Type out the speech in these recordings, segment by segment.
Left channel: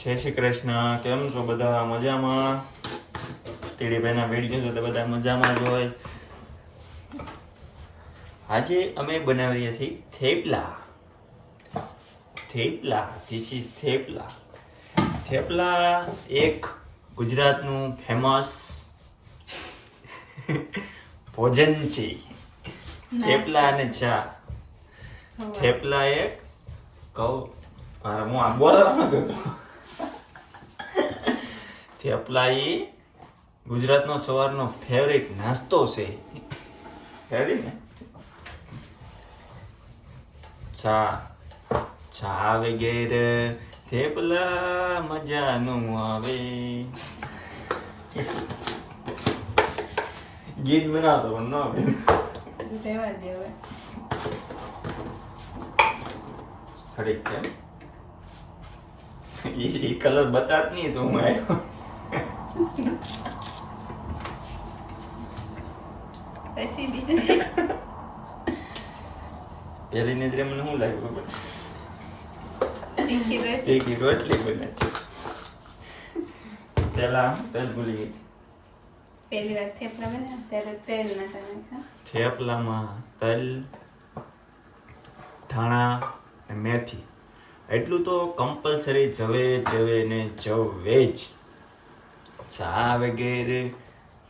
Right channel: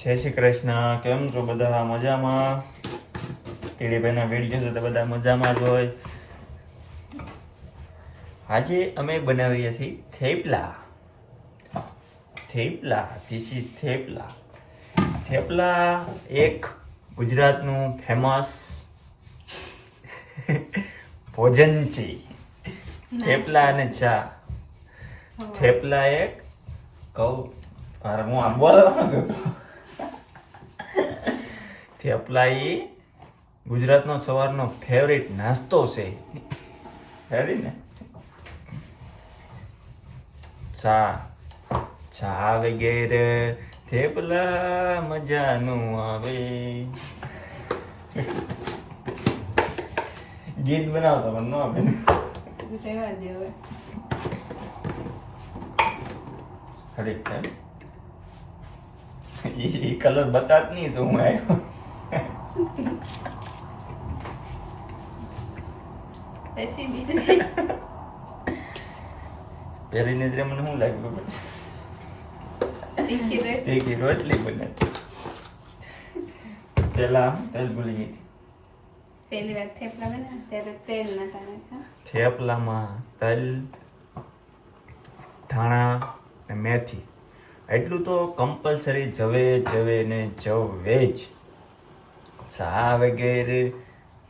જય શ્રી કૃષ્ણ. કેમ છો બધા? મજામાં? તીડીભાઈના વિડીયો છે તો બધા મજામાં જ હોય. આજે અમે બનાવીએ છીએ થેપલા. This is thepla. થેપલા એક ગુજરાતનું ફેમસ ભોજન છે. થેપલા અને ચા. થેપલા એક કહું હું આ બોલવાનો હતો. થેપલા એ ગુજરાતનો સવારનો ફેવરિટ નાસ્તો છે. રેડી ને? ચા વગેરે થેપલા મજાનું આવે. ગીત બનાવતો પણ ન આવે. ખરી છે એ કલર બતાત નહીં તો હું આવ્યો. પેલી નજરે મને શું લાગ્યું? તીખી રોટલી બને. પેલા તેલ ભૂલી ગઈ. પહેલી વાર થેપલા બન્યા ત્યારે તેલ નાખવાનું. થેપલામાં તલ, ધાણા ને મેથી એટલું તો કમ્પલસરી જવે ને જવે જ. ચા વગેરે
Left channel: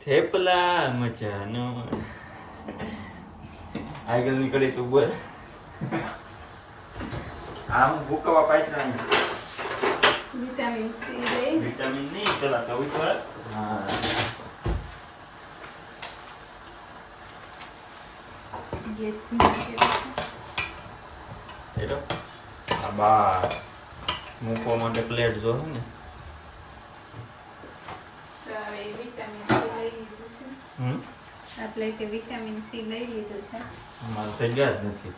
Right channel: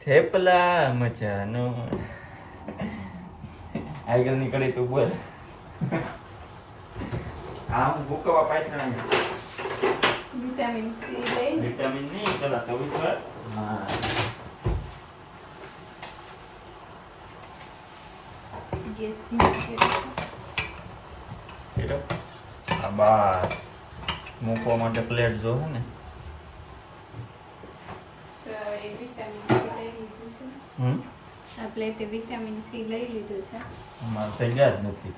થેપલા મજાનો. આગળની કડી તું બોલ. હા હું ભૂકવા પાત્ર વિટામિન સી લઈ વિટામિન નહીં પેલા તો હા ગેસ બસ મૂકવા માટે પ્લેટ જો છે ને. આ પ્લેટે વિટામિન સી લઈ લીધું છે. અમારે થઈ ગયા જ નથી.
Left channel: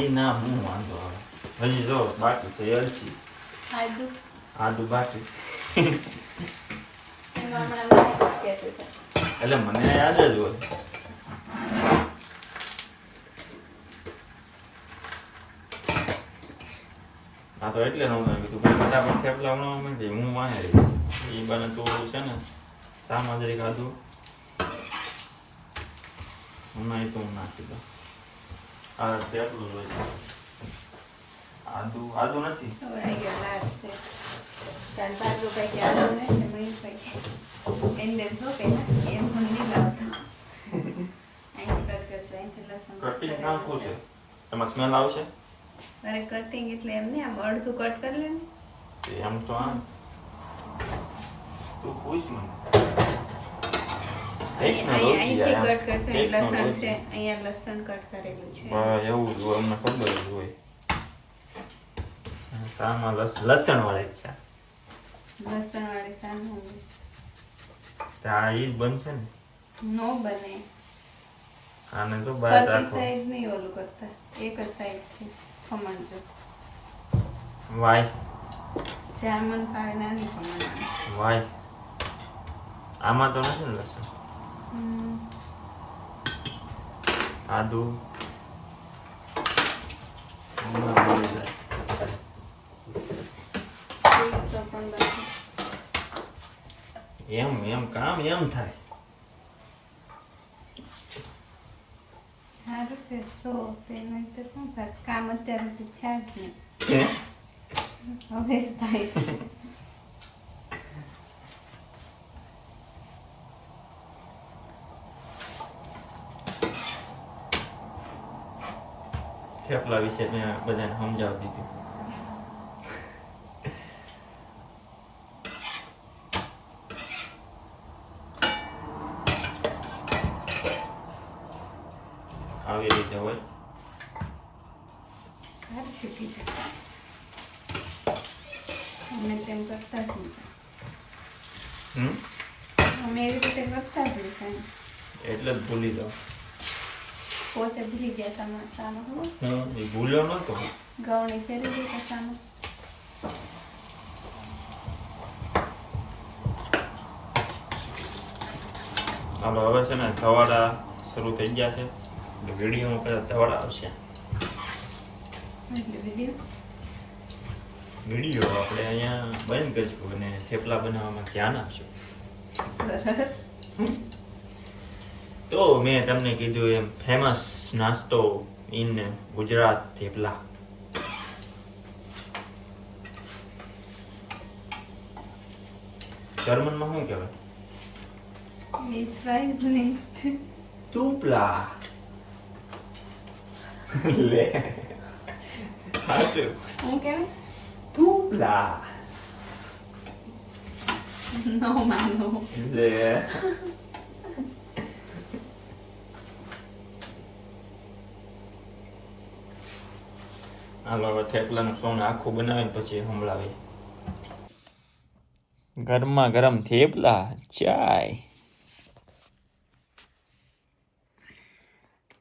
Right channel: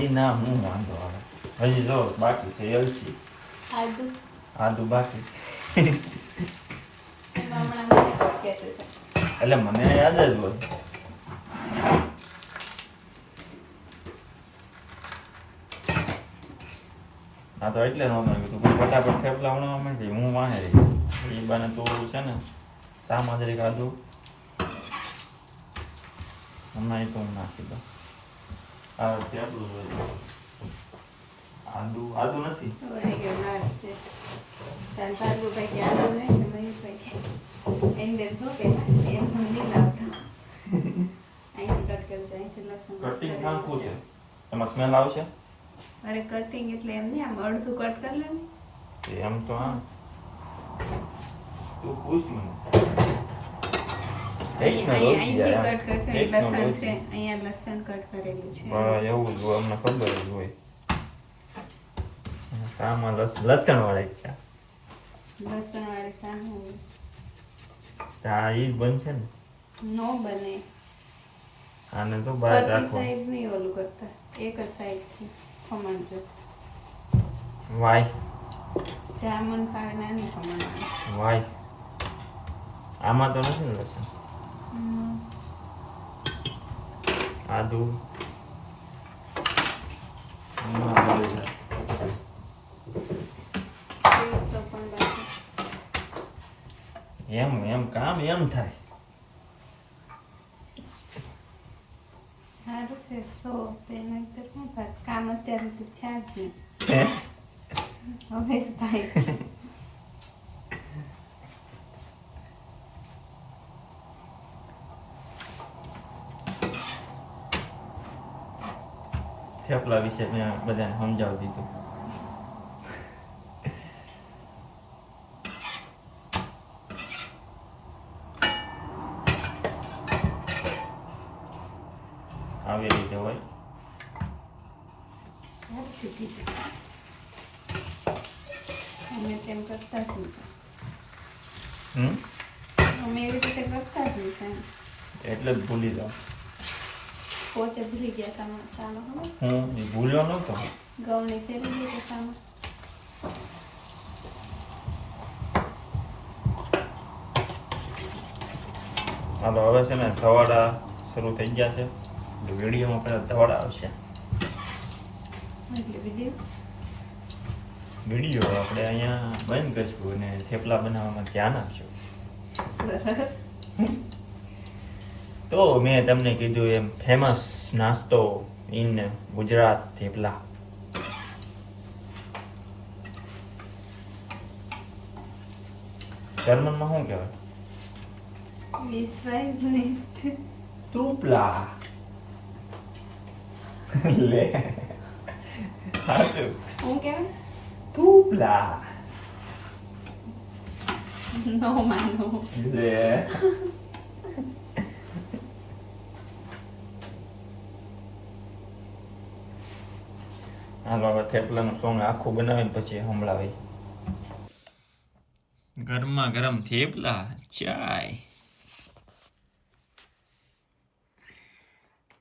એ ના હું વાંધો આવે. હજી જો બાકી છે એલચી આદુ બાકી. એટલે મને યાદ જ હોય. હા તો એટલે નહોતું કીધું કે ફટાફટ થેપલા બનાવવા માંડી હું વાંહે રહી. એ બને તો છે ને શામાં જરી ખાધું હમણાં એ તો હું નાખી દઉં. આ થેપલું જોઈએ. આદુ નથી. કટિંગ નાખવું છે એમાં સ્મેલ આવશે. અરે કટિંગ એટલે એમ ને આમ અડધું કટ કરી લે ને. એમ તો આમ તું પૂછ મને. અહીંથી કટ કરશે લસણ છે. અહીંયા લસણ કટ કરેલું છે. એવું જ હોય અમને ખબર જ હોય. આમાં લસણ વાળી છે. લસણ વાળી સામે આ ઈ જ બનશે ને. નો બને. આને તો બહાર રાખો. સાઈડ નહીં ઓલું કરતા એક જ સાઈડ થી ખમણ જો. વાય જામન ખાવે નાની ખમણ. વાય આમાં તો નથી ને લસણ. આદુ એમ કામ એમ થાય. સારું છે સો તેના તો શું થાય કામ અત્યારે તો થયા જ નહીં. હવે થાય. થેપલા વિશે મેં બધાને સમજાવી દીધું. આવી રીતે હોય. અમે તેમ કરતા જ નહીં. અમે એવી રીતે કરતા જ નહીં. એટલે જ ભૂલી જાઉં. પોતે ભૂલી ગયા તમે સામાં. એ ભૂલ્યો નતો. ગૌણી ફેરી ગઈ સામાં. ચાલો હવે છે ને સવાડા શરૂ થઈ ગયા છે. વિડીયોમાં પેલા ધવળ આવશે. એટલે વિડીયો આપણે અહીંયા બંધ કરીશું અને થેપલા બનાવવામાં ધ્યાન આપશું. તો મેં તમને કીધું એમ ફેમસ નાસ્તો ઇન ગુજરાત થેપલા. જર્મનમાં શું કહેવાય? વિશ્વાસ નહીં. થૂપલા. લે હાસુ હું કેમ થૂપલા. નો માનો. લે હાલો હવે થેપલાનું સોંગ આખું બનાવીને પછી સંભળાવી. ગરમા ગરમ થેપલા ચાય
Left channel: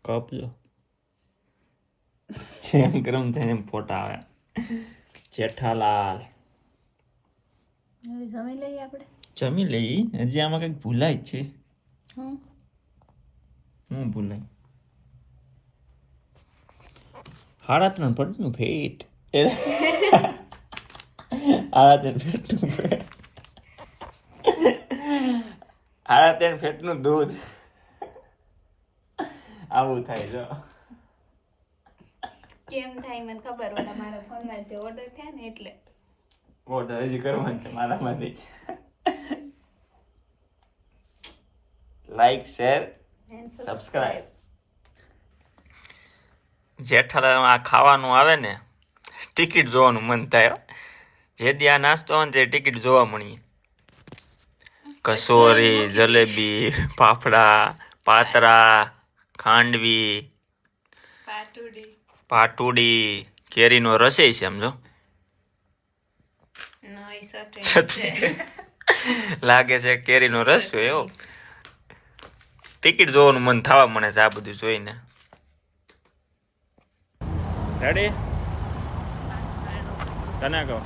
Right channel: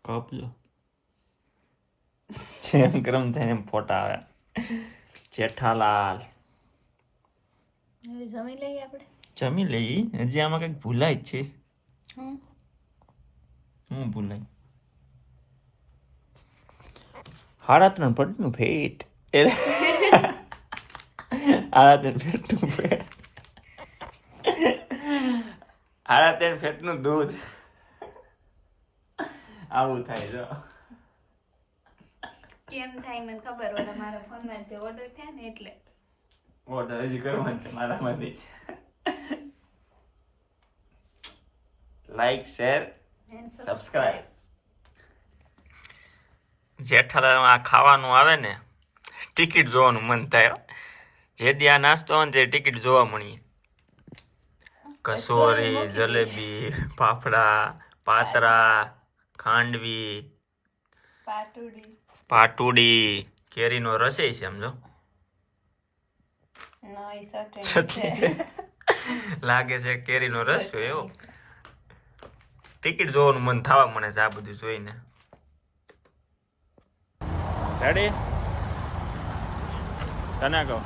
કપ લો. જેમ ગરમ થાય એમ ફોટા આવે. જેઠાલાલ હવે જમી લઈએ આપણે. જમી લઈ. હજી આમાં કઈક ભૂલાય જ છે. હમ હું ભૂલાય? 3.5 ફૂટનું ફેટ. 3.5 ફૂટનું ફેટ. 3.5 ફેટનું દૂધ. આવું થાય જો. કેમ થાય મને ખબર હોય. મારા ફોનમાં જે ઓર્ડર થયા ને એટલે ઓર્ડર હજી કરવાનું છે મારામાંથી. Like share subscribe. જેઠાલાલમાં આ ખાવાનું આવે ને ટિકિટ જોવાનું મન થાય હો. જે દી આ નાસ્તો આવે ને તે ટિકિટ જોવા મળીએ. કસોરી, જલેબી, ફાફડા, પાતરા, ખાંડવી, પાટુડી, કેરીનો રસેય છે સમજો. લાગે છે કેરીનો રસ છે એવો. ટિકિટ જોવાનું મન થવા મળે છે આ બધું જોઈને. રેડી? તને કહો.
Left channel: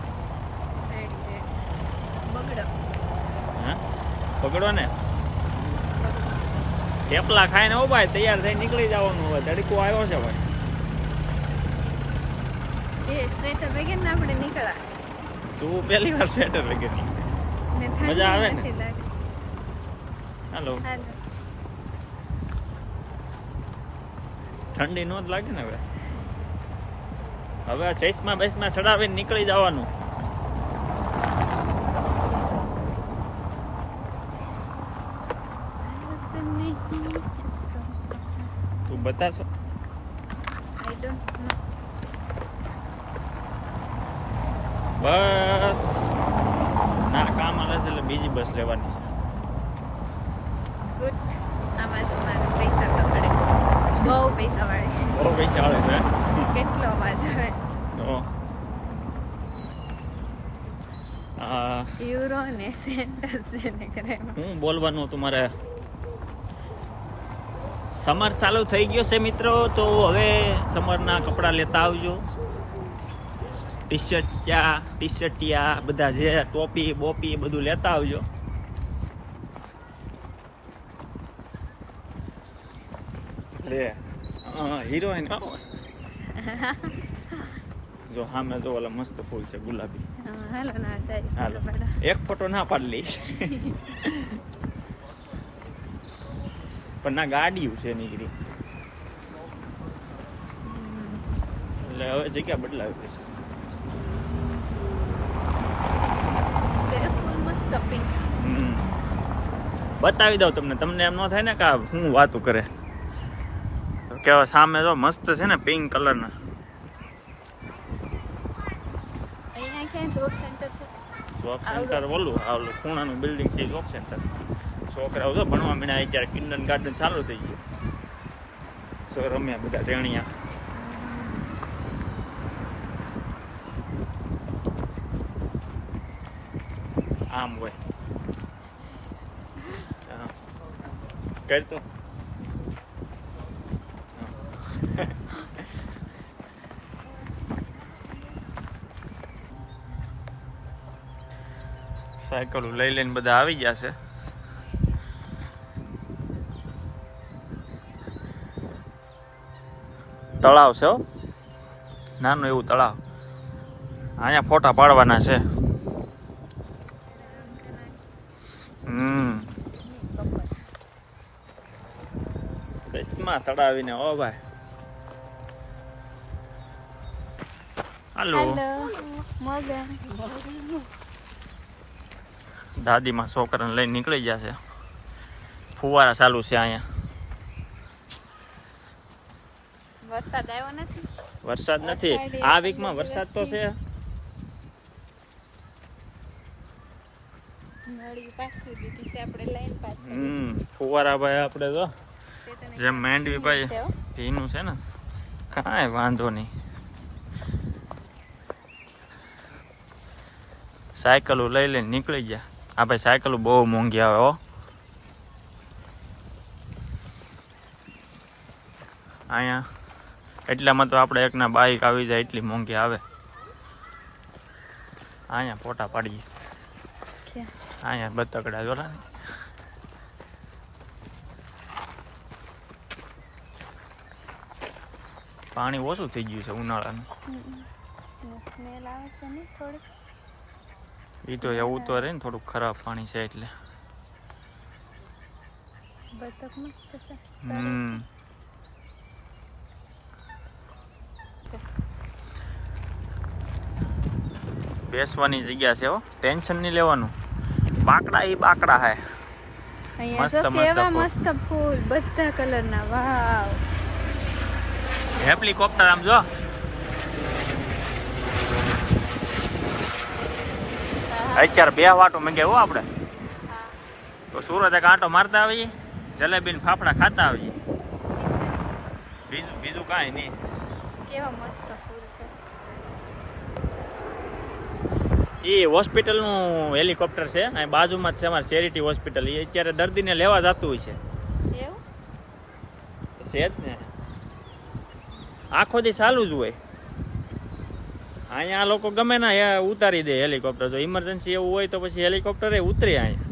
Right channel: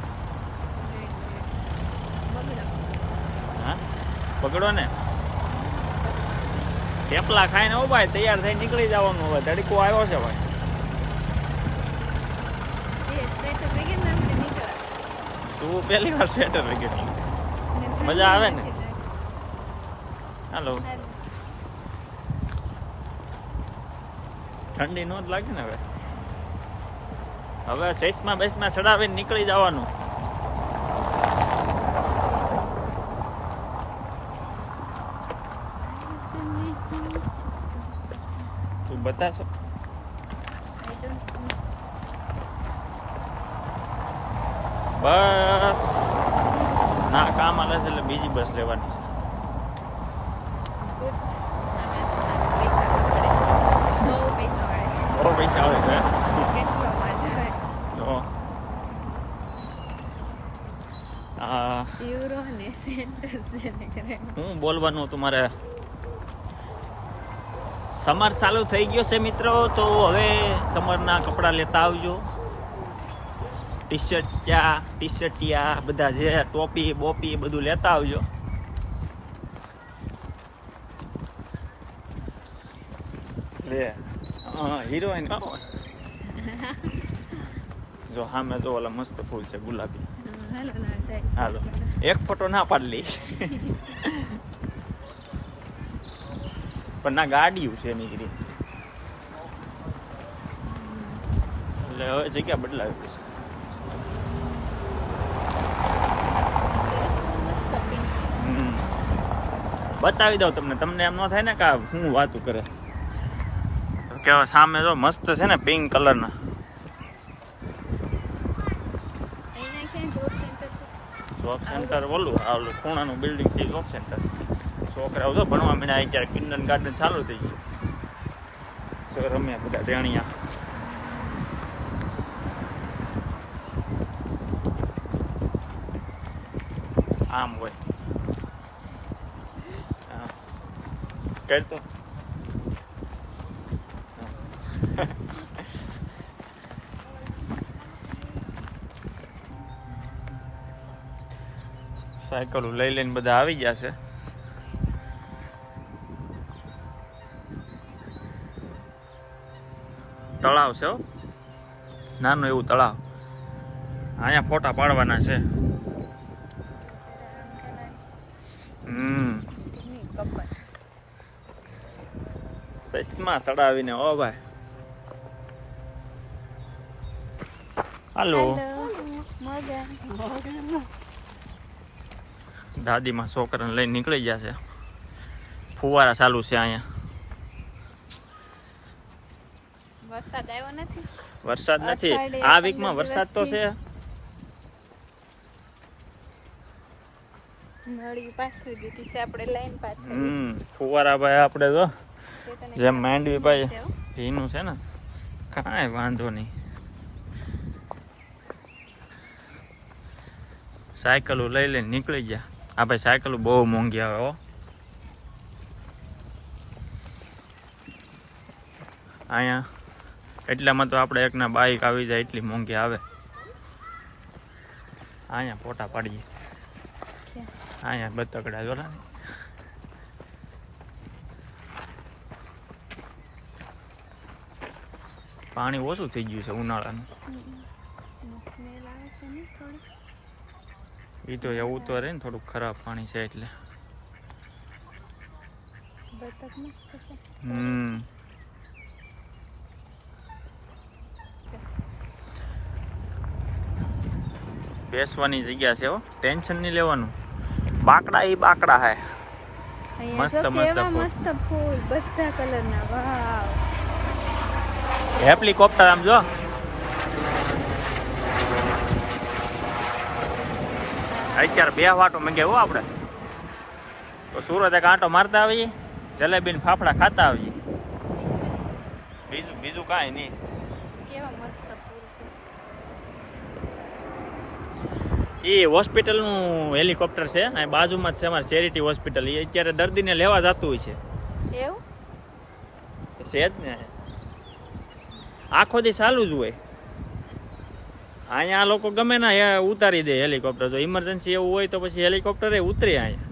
હા પકડો ને. થેપલા ખાઈને હો ભાઈ તૈયાર થઈને નીકળી જવાનું. હવે તડકો આવ્યો છે ભાઈ. તું પહેલી વાર સ્વેટર લગે. મજા આવે ને. હાલો ઠંડી નો જ લાગે ને. હવે ચશ્મા બેસમાં ચડાવીને નીકળી જવાનું. તું બતાવશો? બસ ના કામ આવે છે એટલે બીજી બસ લેવાની છે. બહુ પૈસા વાળે. બહુ પૈસા આવે છે. કેટલો મજા આવે. તો યુરો ને સેન્ટર્સ જેને કરે. હું બોલવાનું હતું મારે. સમર ચાલુ થઈ ગયો છે મિત્રો. તો હવે સમરના કપડાં લેતા આવજો. ટી-શર્ટિયા બધા જે ટોપી બોપી બધું લેતા આવજો. લે હિરોઈન જો સામે જો ઓલા મસ્ત ફૂલ છે ગુલાબી. હાલો એક ફોટો ના પાડી લઈશ. પણ ના ગાડીઓ છે નીકળી એટલે હવે જગ્યા બદલાવી છે. બતાવી દઉં તમને એમ ન થાય ને કે હું વાતું કરે. કેવા સામે જો મસ્ત છે ને પિંક કલરના. જોબ સેન્ટર ઓલું આવલું ખૂણાનું બિલ્ડિંગ છે જોબ સેન્ટર. છોકરાઓ તો ભણવા મીના અત્યારે કિન્ડર ગાર્ડન ચાલુ થઈ ગયું. તો રમ્યા બધા તેણિયા. આમ હોય કરતો. સાયકલ લઈ લઈને બધા આવી ગયા છે. તળાવ છે હો, નાનું એવું તળાવ. અહીંયા ફોટા પાડવાના છે. ચશ્મા ચડાવીને ઓ ભાઈ. હાલો દાદીમાં છોકરાને લઈને નીકળી ગયા છે. ફુવારા ચાલુ છે અહીંયા. વરસાદ આવ્યો નથી. વરસાદ નથી આ વીકમાં. વરસાદ તો છે. નળી પાછી દીધી છે આપણે લાઈન પાછી. ફુવારા ભાઈ આપણે તો જેમ માંડવી ભાઈ ભીનું છે ને, કાંઈ વાંધો નહીં. સાયકલો લઈ લઈને નીકળી ગયા. આ ભાઈ સાયકલો બહુ મોંઘી આવે હો. અહીંયા એટલામાં તો આપણે એકના બાઈક આવી જાય એટલી મોંઘી આવે. અહીંયા ફોટા પાડીએ. અહીંયા બતકડા જોરા. પાણી ઓછું થઈ ગયું છે ઉનાળાનું. એ તો એવું તો રહે ને, થોડુંક ખરાબ પાણી છે એટલે. બેસવાની જગ્યા છે હો, ટેન્શન નહીં લેવાનું. બાકડા ઈ બાકડા હે. મસ્ત મસ્ત ફૂલ બધા કલરના. વાવ. હેલિકોપ્ટર આમ જો. અત્યારે 2 વાટો મંગે હો આપણે તો. સુરત એક આંટો મારતા આવીએ, જલેબી ને ફાફડા ખાતા આવીએ. બીજું કાંઈ નહીં. કેવા મસ્ત ફૂલ છે. એ હોસ્પિટલનું હેલિકોપ્ટર છે અહીં બાજુમાં જ છે અમારી ચેરિટી હોસ્પિટલ. એ અત્યારે દર્દીને લેવા જતું હોય છે. એવું છે જ ને, આખો દી ચાલુ જ હોય. અહીંયા આ લોકો ગમે ના ઉતારી દે હેલિકોપ્ટર. જો ઇમરજન્સી એવું હોય તો પછી હેલિકોપ્ટર ઉતરે અહીંયા.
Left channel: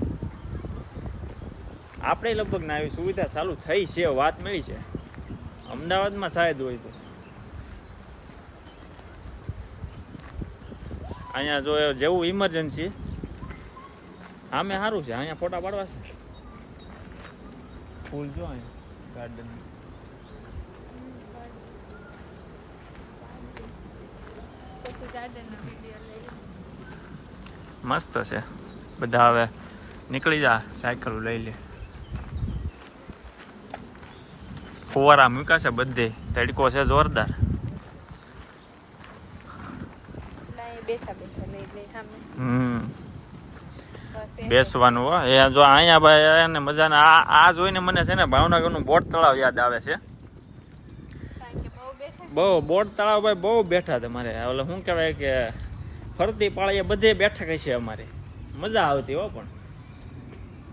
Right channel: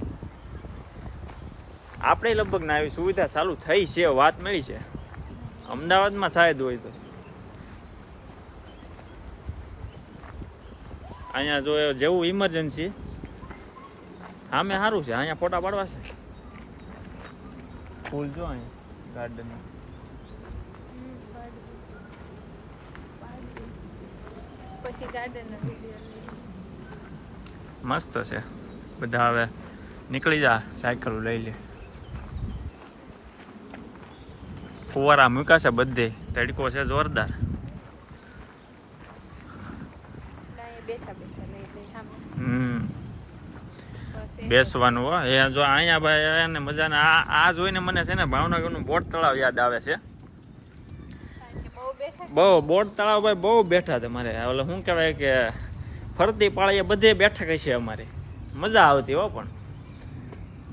આપણે લગભગ ના આવી સુવિધા ચાલુ થઈ છે, વાત મળી છે. અમદાવાદમાં શાયદ હોય તો. અહીંયા જો જેવું ઇમરજન્સી સામે સારું છે. અહીંયા ફોટા પાડવા છે. ફૂલ જો અહીંયા ગાર્ડન. મસ્ત છે. બધા હવે નીકળી જા, સાયકલ લઈ લે. ફુવારા મૂક્યા છે બધે. તડકો છે જોરદાર. બેસવાનું હો. એ જો અહીંયા ભાઈ એને મજાને આ જોઈને મને છે ને ભાવનગરનું બોટ તળાવ યાદ આવે છે. બહુ બોટ તળાવ ભાઈ બહુ બેઠા તમારે. ઓલે શું કહેવાય કે ફરતી પાળીએ બધે બેઠક છે અમારે. મજા આવતી હો. પણ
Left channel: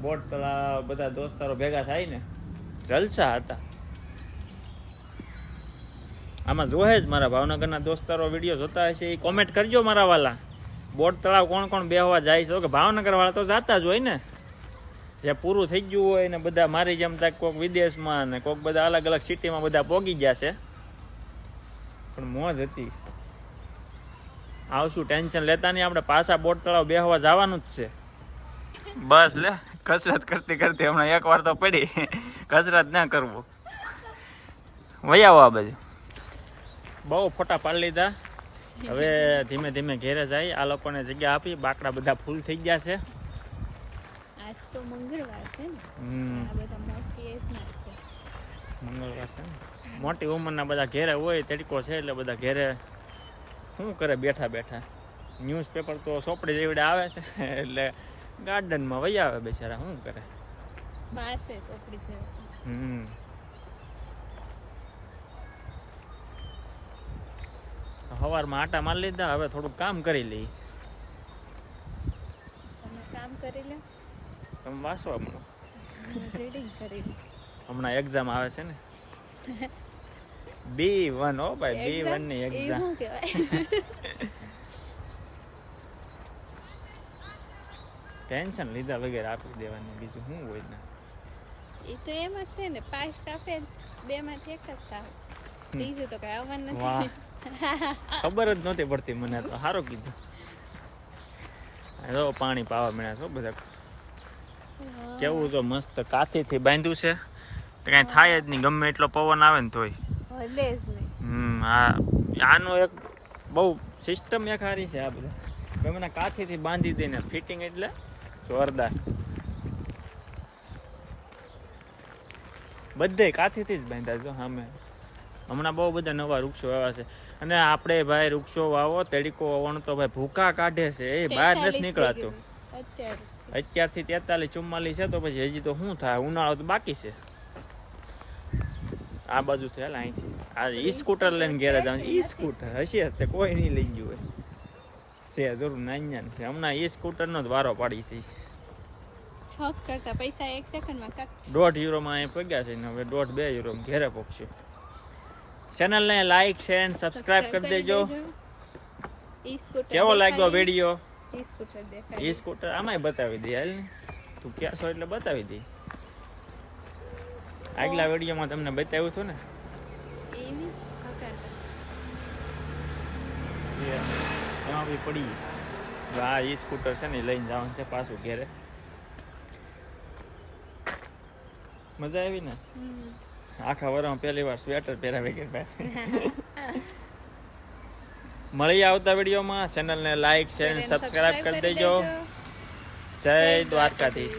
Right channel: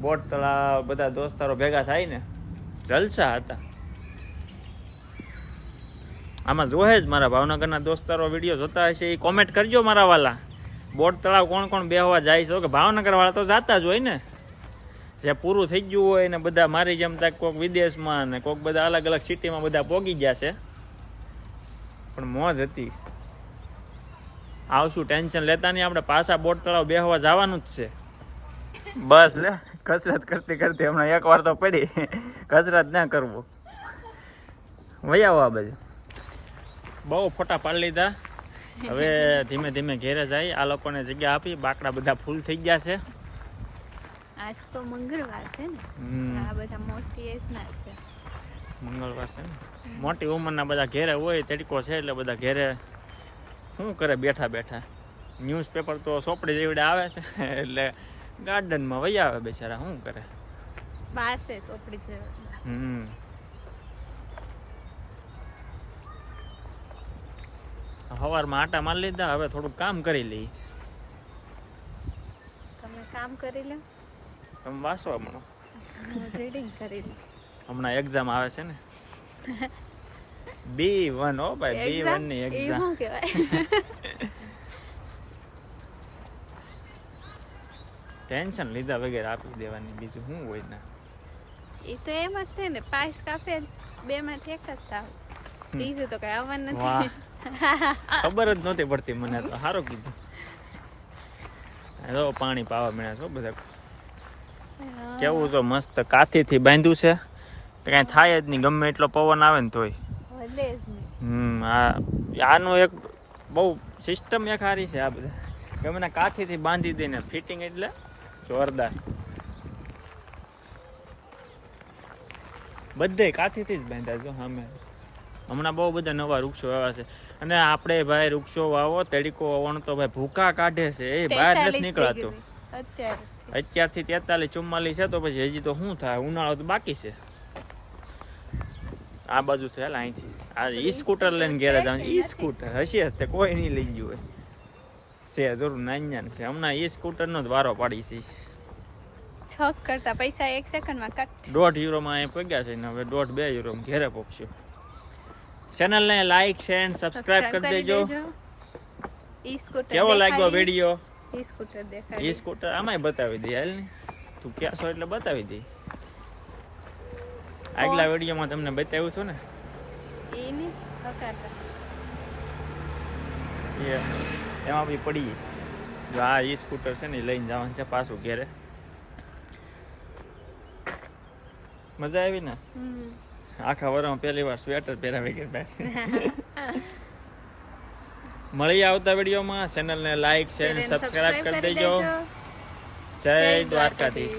બોટ તળાવ બધા દોસ્તારો ભેગા થાય ને, જલસા હતા. આમાં જોહે જ મારા ભાવનગરના દોસ્તારો વિડીયો જોતા હશે એ કોમેન્ટ કરજો મારા વાલા. બોટ તળાવ કોણ કોણ બેહવા જાય છે? કે ભાવનગર વાળા તો જાતા જ હોય ને. જે પૂરું થઈ ગયું હોય ને બધા મારી જેમ તક કોઈક વિદેશમાં ને કોઈક બધા અલગ અલગ સિટીમાં બધા પોગી ગયા છે. પણ મોજ હતી. આવશું, ટેન્શન લેતા નહીં. આપણે પાછા બોટ તળાવ બેહવા જવાનું જ છે. બસ લે, કસરત કરતી કરતી હમણાં એકવાર તો પડી. કસરત ના કરવું. વહી આવો આ બાજુ. બહુ ફોટા પાડી લીધા. હવે ધીમે ધીમે ઘેરે જાય. આ લોકોને જગ્યા આપી. બાકડા બધા ફૂલ થઈ ગયા છે. આજ તો મંગળવાર છે ને. આ બધા મોટી એજના છે. મંગળવાર છે ને, મોટી ઉંમરના બધા ઘેરે હોય. તડકો છે એટલે બધા ઘેરે શું કરે બેઠા બેઠા. ન્યૂઝપેપર તો સોપડી જેવડે આવે છે એટલે ગાર્ડનમાં વહી આવે બેચારા. શું કરે? બાસે સોપડી જેવડે. સવારમાં આટા મારી લીધા. હવે થોડુંક કામ કરી લઈ. તમે કામ કરી લે. તમે વાંચવા મળો. રીડિંગ કરી લે. હમણાં એક્ઝામ આવે છે ને. B1 હો ભાઈ, B1 ની એક્ઝામ. શું કહેવાય? ટેન્શન લીધા વગેરે આપી દેવાની. બીજું શું હોય ને. એ તો એમ જ છે ને, પાસ કાફે 2 માંથી 1 જ થાય. ત્રીજું તો કઈ આવવાનું વાહ નથી. ખબર જ નહોતી પડતી મને તો સારું કીધું. જો પાણી પાવા મળ્યા છો બધા. કેવું તો મસ્ત કાથીથી બાંધ્યું છે તો કાંઈ થાય જ નહીં ગમે એટલો પવન આવે ને તોય. હલે જ નહીં. આનું એક બહુ સિસ્ટમ એક સારી છે આ બધા ગમે ના કાથીથી બાંધી દઈને ફિટિંગ એટલે જોરદાર. બધે કાથીથી જ બાંધ્યા જો સામે. હમણાં બહુ બધા નવા વૃક્ષો આવ્યા છે અને આપણે ભાઈ વૃક્ષો વાવો તડીકો વાવવાનો તો ભાઈ ભૂકા કાઢે છે એ બહાર નથી નીકળાતું. અત્યારથી 43-44 છે તો પછી હજી તો શું થાય ઉનાળો તો બાકી છે. આ બાજુ છે હાલ અહીંથી આ ઈ સ્કૂટર લઈને ઘેરે જવાનું. ઈ સ્કૂટર હશે તે કોઈ નહીં લઈ ગયું હોય છે જરૂર નાન્યા છે. હમણાં ઈ સ્કૂટરનો જ વારો પાડી છે. છોક કરતા પૈસા 1 સેકન્ડમાં કટ. €1.5 અહીં પગ્યા છે ને હવે €1.5 ઘેરે પહોંચ્યો. ચેનલને લાઈક શેર સબસ્ક્રાઇબ કરી દેજો. કેવો લાગ્યો વિડીયો? ઈ સ્કૂટર દેખાય. ઈ સ્કૂટર આમાંય બતાવી દે હાલ ને તું ક્યાં છો એટલે બતાવી દે. આગલા વિડીયોમાં તમને બતાવ્યું હતું ને ઈ ની હકારતા એમાં બી પડી. જો આ ઈ સ્કૂટર છે ને લઈને જવાનું છે પાછું ઘેરે. મજા આવી ને? આખા વર્ષમાં પહેલી વાર સ્વેટર પહેરાવી ગયા. મળી આવતા વિડીયોમાં. ચેનલને લાઈક શેર સબસ્ક્રાઇબ કરી દેજો. જય દ્વારકાધીશ.